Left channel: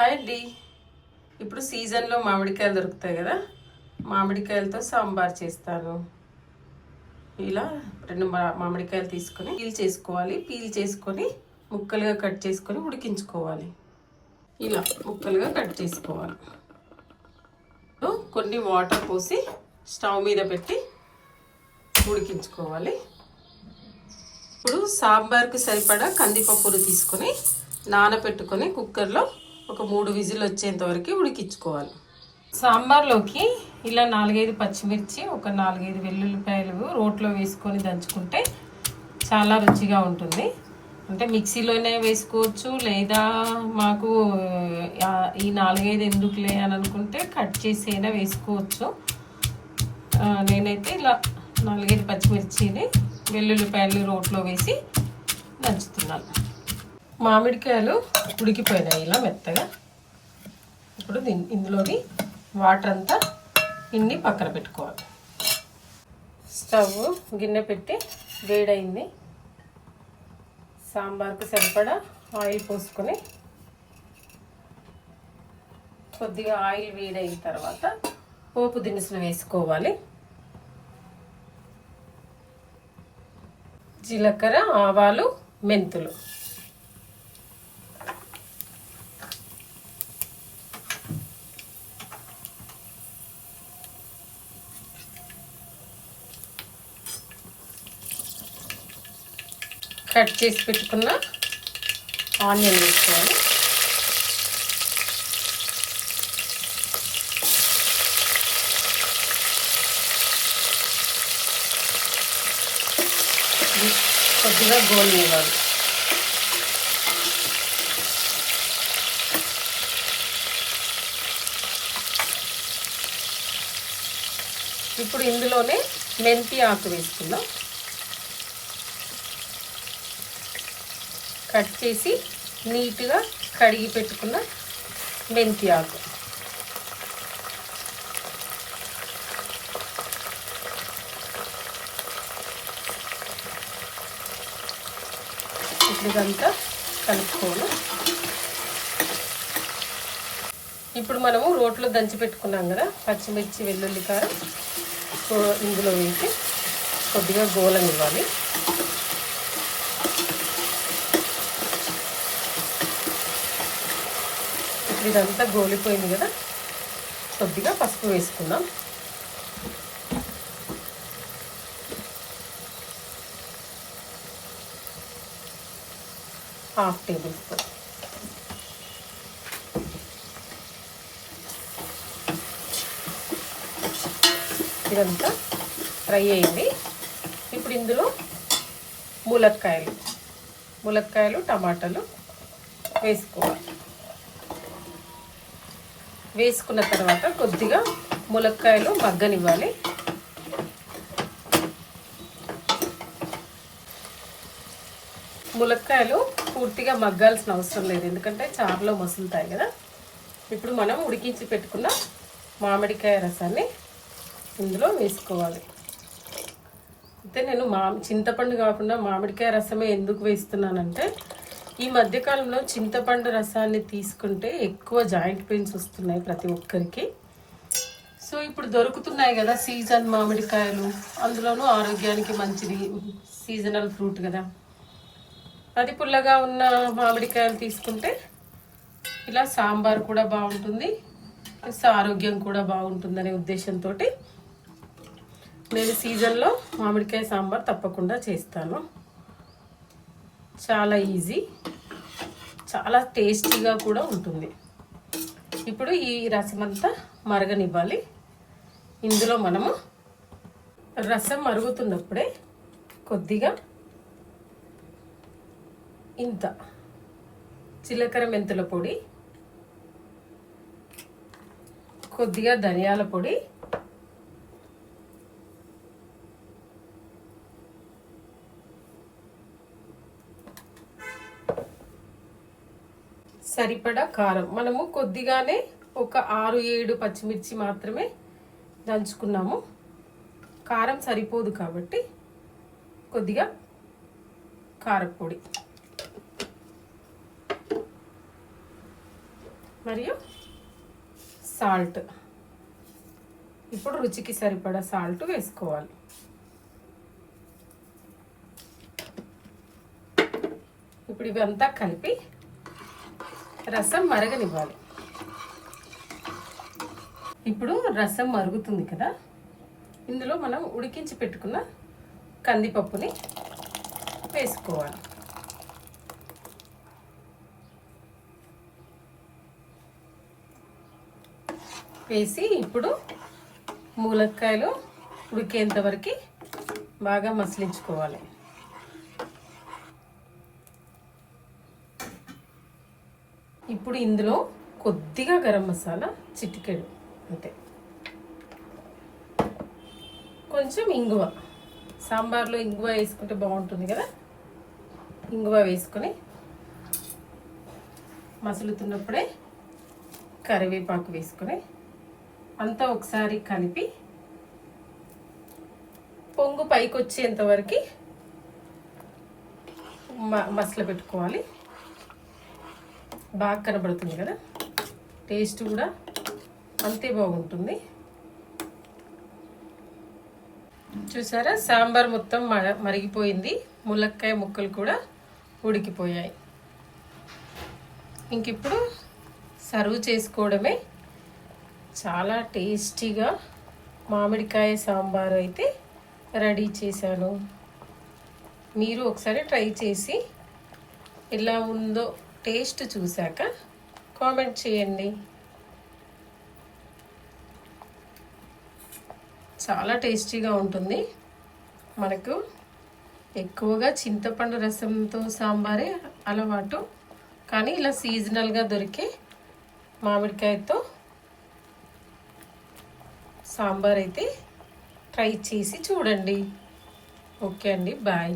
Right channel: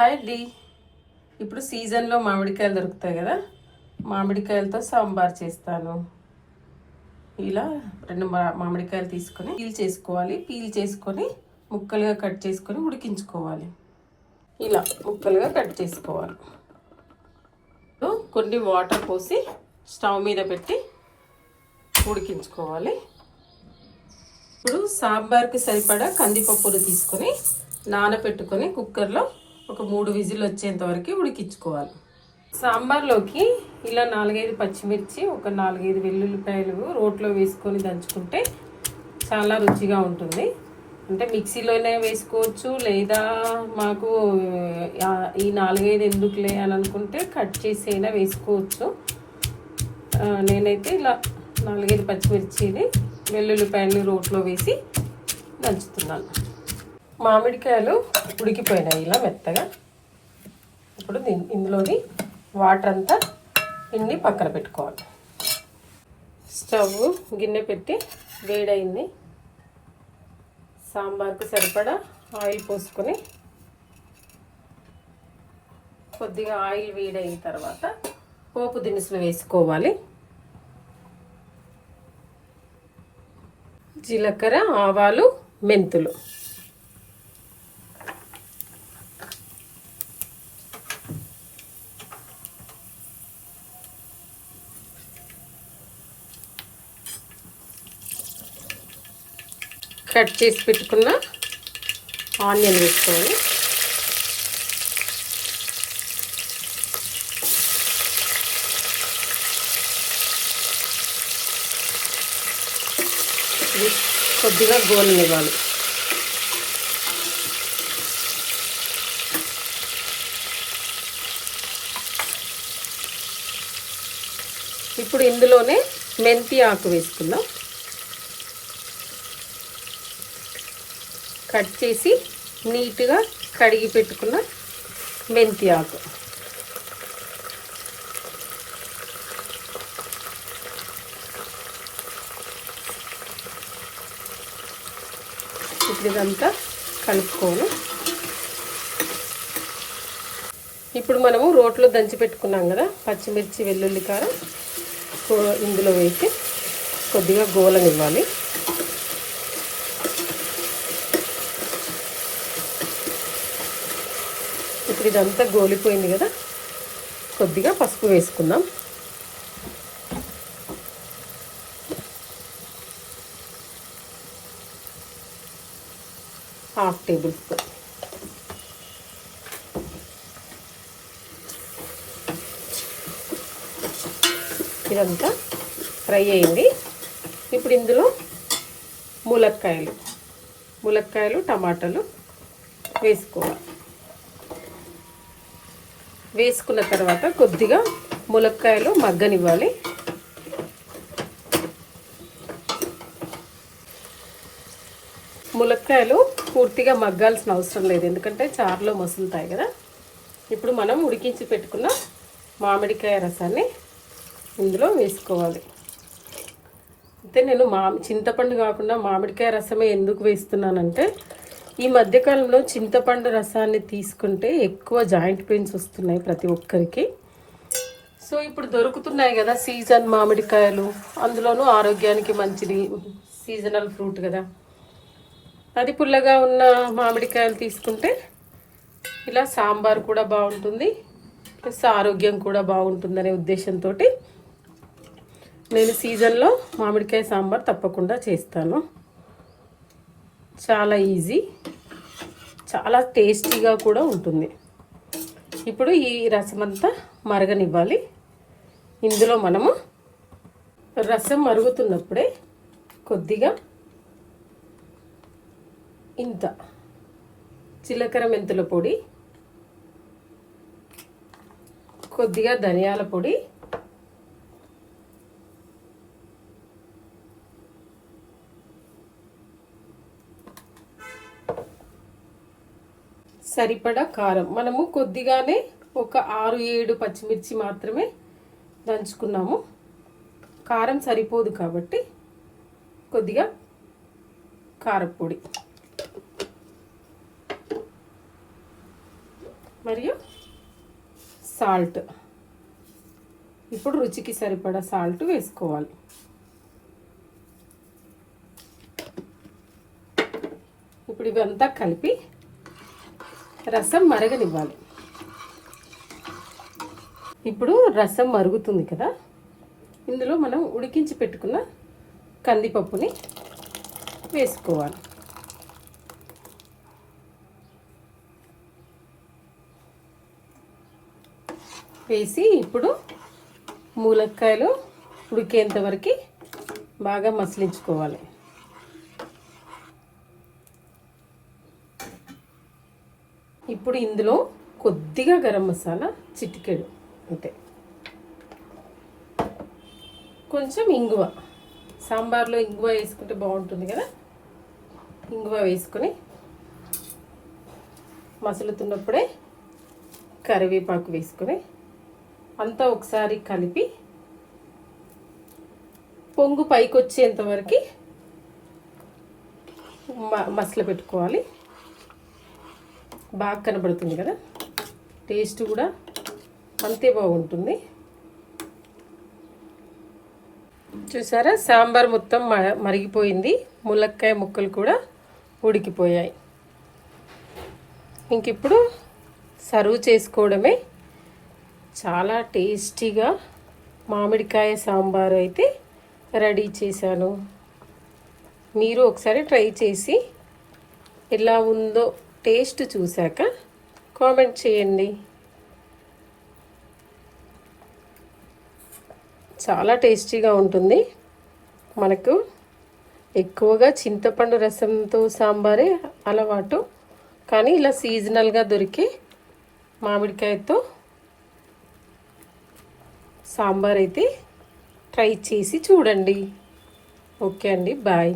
Hi అండి. ఇప్పుడు సీజన్లో మామిడికాయలు దొరుకుతాయి కదా? మామిడికాయలతో సాంబార్ చేస్తాను. ఇలా రెండు మామిడికాయలు తీసుకొని పీల్ చేసుకోవాలి. పీల్ చేసుకొని ముక్కలుగా కట్ చేసుకొని ఉడికించుకోవాలి. ఇలా ముక్కలుగా కట్ చేసుకోవాలి. కొన్ని వాటర్ పోసి స్టవ్ మీద పెట్టి ఉడికించుకోవాలి. ఇప్పుడు సాంబార్కి సరిపడా కందిపప్పులు తీసుకొని నానబెట్టుకొని కుక్కర్లో ఒక మూడు విజిల్ వచ్చేంత వరకు ఉడికించుకోవాలి. సాంబార్లోకి ఇలా నాలుగైదు పచ్చిమిర్చి ఒక నాలుగైదు వెల్లుల్లిపాయలు రోట్లో వేసుకొని దంచుకుంటే చాలా రుచిగా ఉంటుంది. అంటే మిక్సీలోనే వేసుకోవచ్చు లేదా మాకు ఈ నాలుగైదు ఎందుకులే అని అనుకుంటే కట్ చేసి అయినా వేసుకోవచ్చు నేనైతే ఇలా నాలుగైదు పచ్చిమిర్చిని వెల్లుల్లిపాయలు రోట్లో వేసి దంచుతున్నాను. మామిడికాయలు ఉడికిపోయినాయి ఇలా మెత్తగా. ఇప్పుడు ఇందులోని వాటర్ అంతా ఇన్ని పక్కన పెట్టుకోవాలి. స్టవ్ గిన్నె పెట్టి వేడైంది. సాంబార్కి సరిపడా ఆయిల్ పోసుకొని కొద్దిగా ఆయిల్ వేడైన తర్వాత పోపు దినుసులు వేసుకోవాలి. జీలకర్ర ఆవాలు మెంతులు. కట్ చేసి పెట్టుకున్న ఆనియన్ వేసుకోవాలి. కొద్దిగా గోలు ఇవ్వాలి ఇప్పుడు ఇందులోనే మెంతి ఆకు వేసుకుందాం. కట్ చేసి నీట్గా కడిగి పెట్టుకున్న మెంతి ఆకు ఇప్పుడు ఇదంతా కలుపుకోవాలి. ఇప్పుడు మనము రోట్లో దంచి పెట్టుకున్నాం కదా పచ్చిమిర్చి వెల్లుల్లి కారం ఇందులో వేసి కొద్దిగా గోలనివ్వాలి. ఇప్పుడు ఇదంతా గోలిపోయింది కదా. కొద్దిగా పసుపు వేసుకుందాం. Half tablespoon. ఇదంతా ఫ్రై అయింది. ఇప్పుడు ఇందులో ములక్కాయలు. ములక్కాయలు టమాటాలు వేసుకోవాలి. వేసుకున్న తర్వాత కొద్దిగా ములక్కాయలు మగ్గనివ్వాలి. ములక్కాయలు పూర్తిగా మగ్గాల్సిన అవసరం లేదు ఎందుకంటే చారులో మసులుతాయి కదా. ఇప్పుడు మనం ఉడికించి పెట్టుకున్న మామిడికాయ రసాన్ని ఇందులో వేసుకోవాలి. అయితే నేను మా చింతపండు కాకుండా మామిడికాయ రసమే ఎందుకు వేస్తున్నానంటే ఈ మధ్యకాలంలో చింతపండు రసాన్ని తీసుకుంటే ఎక్కువ జాయింట్ పెయిన్స్ వస్తున్నాయి ప్రతి ఒక్కరికి. సో ఇప్పుడు దొరుకుతున్నాయి కదా సీజన్ మామిడికాయలు. అందులోనూ ఆరోగ్యానికి మంచిది. సీజనల్ ఫ్రూట్ కదా. అది పుల్లగా ఉన్న మామిడికాయలు తీసుకుంటే ఇలా సాంబార్ కూడా బాగుంటుంది. ప్లస్ ఆరోగ్యం కూడా బాగుంటుందనే ఉద్దేశంతో నేను సీజన్లో మామిడికాయ సాంబార్ తప్పకుండా చేస్తాను. చాలా ఈజీ చాలా టేస్టీగా కూడా ఉంటుంది. ఇప్పుడు ఈ రసం అంతా మరగనివ్వాలి. ఇందులో మనము రసం మరుగుతున్నప్పుడే కొద్దిగా ఇంత జీలకర్ర మెంతుల పొడి కొద్దిగా ధనియాల పొడి సరిపడా కారం. మనము కొద్దిగానే ఒక ఆరు ఏడు పచ్చిమిర్చి మాత్రమే దంచుకున్నాము. కారం సరిపోదు కాబట్టి కొద్దిగా కారపొడి. మరియు సాల్ట్. ఇప్పుడు రుచికి సరిపడా సాల్ట్ వేసుకోవాలి. ఇప్పుడు ఇవంతా కలిపి రసం మరగనివ్వాలి. ఇప్పుడు రసం మరుగుతుంది కదా. ఇందులో మనం ఉడికించి పెట్టుకున్న కందిపప్పుని వేసుకోవాలి. వేసి ఇప్పుడు మూలక్కాయలు ఉడికేంత వరకు బాగా మసిలించుకోవాలి. ఇప్పుడు ఇందులో కొద్దిగా గరం మసాలా చిటికెడు అంతే. కొంచెం ఇంగువ. సాంబార్లో ఇంగువ వేసుకుంటే బాగుంటుంది కదా? ఇంగువ వేసుకొని మసులుతున్నప్పుడే కరివేపాకు వేసుకొని అంతా ఒకసారి కలిపి పొంగు పైకి వచ్చేంత వరకు మసలు పెట్టుకోవాలి బాగా కనబడుతుంది కదా? టేస్ట్ కూడా అంతే బాగుంటుంది. చూసారా? సాంబార్ మొత్తం మ- మరిగిపోయింది. ములక్కాయ ముక్కలు కూడా ఉడికిపోయాయి. ఇంక ఇప్పుడు సర్వ్ చేసుకోవడమే. చాలా టేస్టీగా మామిడికాయ సాంబార్ అయితే రెడీ చేశాను. మీరు ఒకసారి ట్రై చేసి ఎలా ఉందో టేస్ట్ చూశాక కామెంట్ చేయండి. చాలా టేస్టీగా ఉంటుంది. మనకు ఎక్కువగా చింతపండు రసంతో సాంబారే అలవాటు. కానీ ఇలా సీజనల్గా దొరికే మామిడికాయతో సాంబార్ అయితే ట్రై చేసి చూడండి. ఓకే అండి బాయ్.